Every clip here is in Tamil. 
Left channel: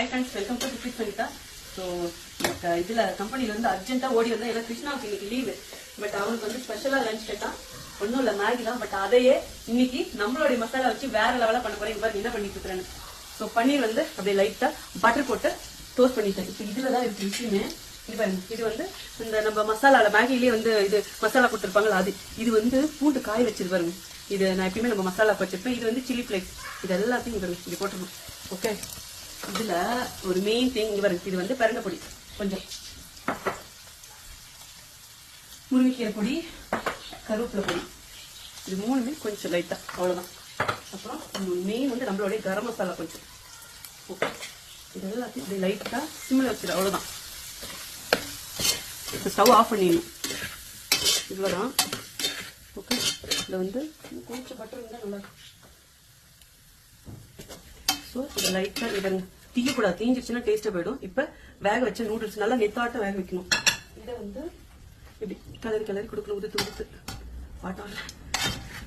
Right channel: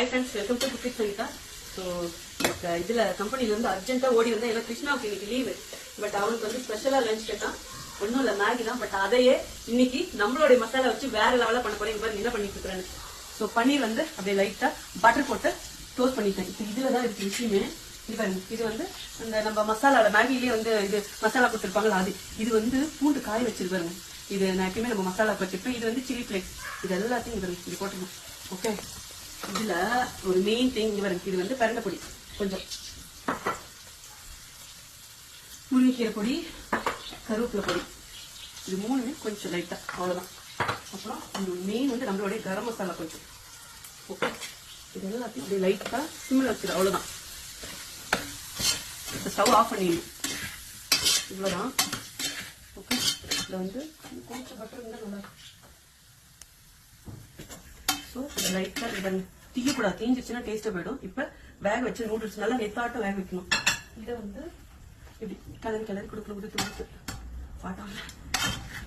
High friends, welcome to cooking Sanitha. So இதுல கம்பெனில இருந்து அர்ஜென்ட்டா ஓடி வந்தா, ஏன்னா கிருஷ்ணாவுக்கு இன்னைக்கு லீவு. பட் அவனுக்கு வந்து ஸ்பெஷலா லஞ்ச் கேட்டான். ஒன்றும் இல்லை, மேகி தான். பட் அதையே இன்னைக்கு நம்மளுடைய மசாலா வச்சு வேற லெவலா பண்ண போறேன். பாருங்க என்ன பண்ணிட்டு இருக்கிறேன்னு. ஸோ பன்னீர் வந்து அப்படியே லைட்டா பட்டர் போட்டு டோஸ்ட் பண்ணிட்டேன். இப்போ இதுலதான் இருக்கு விஷயமே. இது பாருங்க, இது வந்து இந்த நம்ம மசாலால மேகிலேயே வந்து இது மசாலா போட்டுருப்பாங்களா, அது இது வந்து பூண்டு காய வச்சிருப்பாருங்க. இது நான் எப்பயுமே நம்ம மசாலா வச்சிருப்பேன். இது வந்து சில்லி ஃபிளேக்ஸ். இது எல்லாத்தையும் இது போட்டுருணும். ஓகே, இதுல ஒரு மெயின் திங் வருது. இது வந்து பரண்ட பொடி, கொஞ்சம் முருங்கைக்கீரை பொடி, கருவேப்பிலை பொடி, இது மூணு கொஞ்சம் லைட்டா, அவ்வளவுதான். அப்புறம் மெயின் வந்து நம்மளுடைய கரம் மசாலா கொஞ்சம். ஓகே, இது எல்லாத்தையும் இப்படி லைட்டா சிம்ல வச்சிரு, அவ்வளவுதான். ஸ்டவ் ஆஃப் பண்ணிடணும். இவ்வளவுதான். ஓகே, இதுல வந்து கொஞ்சம் பட்டர் இருந்தா நல்லா. ஸோ இதை லைட்டா இதை தீயக்கூடாது, தீஞ்சிச்சுன்னா டேஸ்டா போயிடும். இப்ப வேக வச்சு நூடுல்ஸ் நல்லா நெத்தாட்டம் வேக வைக்கணும். இதை வந்து இப்படி கலரி கொடுக்கணும், உதுத்து பாட்டாங்க.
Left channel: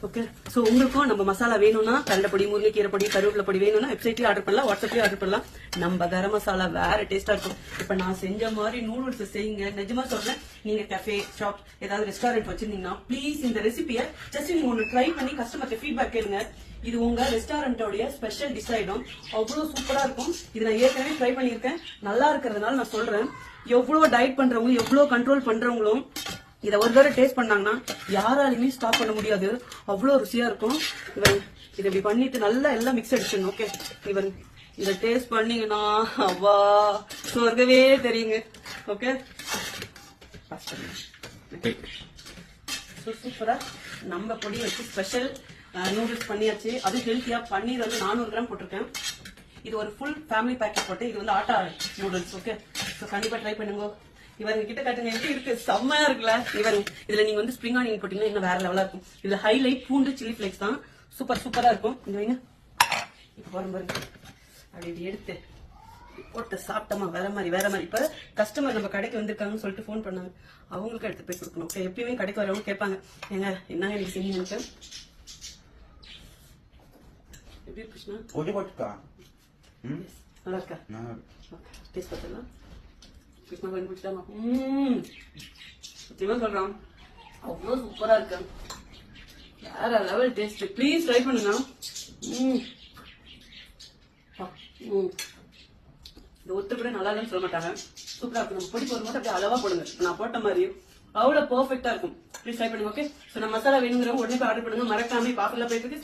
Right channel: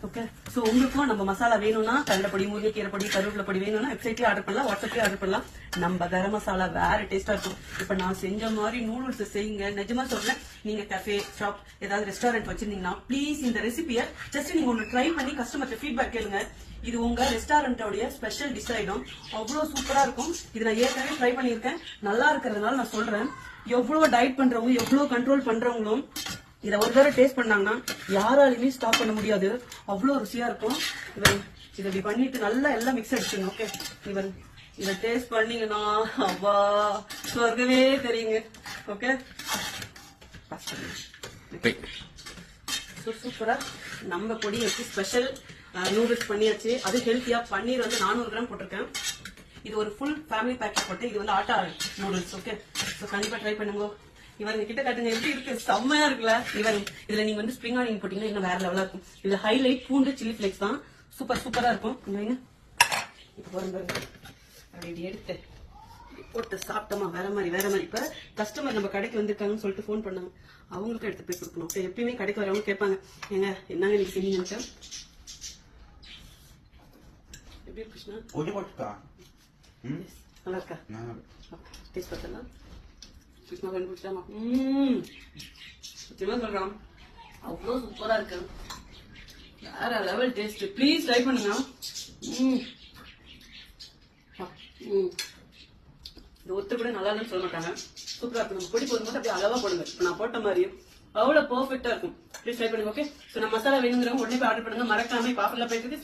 ஓகே, சோ உங்களுக்கும் நம்ம மசாலா வேணும்னா கடலைப்பொடி, முருங்கைக்கீரை பொடி, கருவேப்பிலை பொடி வேணும்னா வெப்சைட்லயே ஆர்டர் பண்ணலாம், வாட்ஸ்அப்லயே ஆர்டர் பண்ணலாம். நம்ம கரம் மசாலா வேற டேஸ்டா இருக்கும். இப்ப நான் செஞ்ச மாதிரி நூடுல்ஸ் செய்யுங்க. நிஜமா சொல்றேன், நீங்க கஃபே ஷாப் ஏதாவது ரெஸ்டாரண்ட் வச்சிருந்தீங்கன்னா ப்ளீஸ் இந்த ரெசிபியை ஜஸ்ட் நீங்க ஒன்னு ட்ரை பண்ணி கஸ்டமர்கிட்ட ஃபீட்பேக் கேளுங்க. இது உங்க ரெஸ்டாரண்டோடைய ஸ்பெஷல் டிஷ் ஆயிடும். அவ்வளவு சூப்பரா இருக்கும். இது நான் ஏற்கனவே ட்ரை பண்ணிருக்கேன், நல்லா இருக்கிறதுனால நான் சொல்றேன். எவ்வளவு டயட் பண்றவங்களும் எவ்வளவு கண்ட்ரோல் பண்றவங்களும் இதை ஒரு தடவை டேஸ்ட் பண்ணாங்கன்னா யாராலுமே ஸ்டாப் பண்ண முடியாது. அவ்வளவு ருசியா இருக்கும். இதை இப்படி பண்ணிட்டு நல்லா எல்லாம் மிக்ஸ் அடிச்சிடணும். ஓகே, இவன் இதை டேஸ்ட் பண்ணீங்கன்னா அவ்வா சொர்க்கவே தெரியுங்க. ஓகே, சூப்பரா நம்ம பொடி வச்சு ஸ்பெஷல் நூடுல்ஸ் பண்ணியாச்சு. அது ஹெல்த்தியா. பன்னீர் வந்து 400 கிராம் போட்டிருக்கேன். இது ஒரு ஃபுல் ஃபேமிலி பேக்கெட் போட்டு, இது வந்து ஆட்டா நூடுல்ஸ். ஓகே, ஸோ கண்டிப்பா ட்ரை பண்ணுங்க. இவங்க கிட்ட காட்டுங்க, எப்படி இருக்கு, செம்மையா இருக்குல்ல. இவங்க இதுல நீங்க வந்து ஸ்ப்ரிங் ஆனியன் போட்டீங்கன்னா இன்னும் வேற லெவலா இருக்கும். இதுல ஹைலைட் பூண்டு சில்லி ஃபிளேக்ஸ் தான். சூப்பரா இருக்கும். அப்படி எடுத்து போட்டு சாப்பிட்டோமா வேற மாதிரி. இப்ப கஸ்டமர் நம்ம கடைக்கு வந்திருக்காங்கன்னு சொல்லிட்டு போன் பண்ணாங்க, அவங்களுக்கு எடுத்து போய் கொடுக்கணும். எப்பயுமே கடைக்கு வரவங்க கேட்பாங்க, என்னங்க நீங்க செஞ்சீங்க. எப்படி கிருஷ்ணா நல்லா இருக்கா? டேஸ்ட் பார்த்தலாம். கிருஷ்ணா கண்டுபிடிச்சாமா சத்தியமா சொல்றான், அவ்வளவு சூப்பரா இருக்கு. வேற லெவல் டேஸ்ட். ப்ளீஸ் ட்ரை பண்ணுங்க. இந்த ஒருத்தர் கூட நல்லா இல்லைன்னு சொல்ல மாட்டாங்க. சூப்பரா இருக்கு. நம்ம பொடி போடும் போது அப்படியே அளவா போடுங்க. நான் போட்ட மாதிரி அவ்வளவு பெர்ஃபெக்டா இருக்கும். ப்ளீஸ் ட்ரை பண்ணுங்க. ஓகே, நம்ம மசாலா வேணுங்கிறவங்க உடனே ஆர்டர் பண்ணுங்க. மறக்காம பாப்புலர் போயிட்டு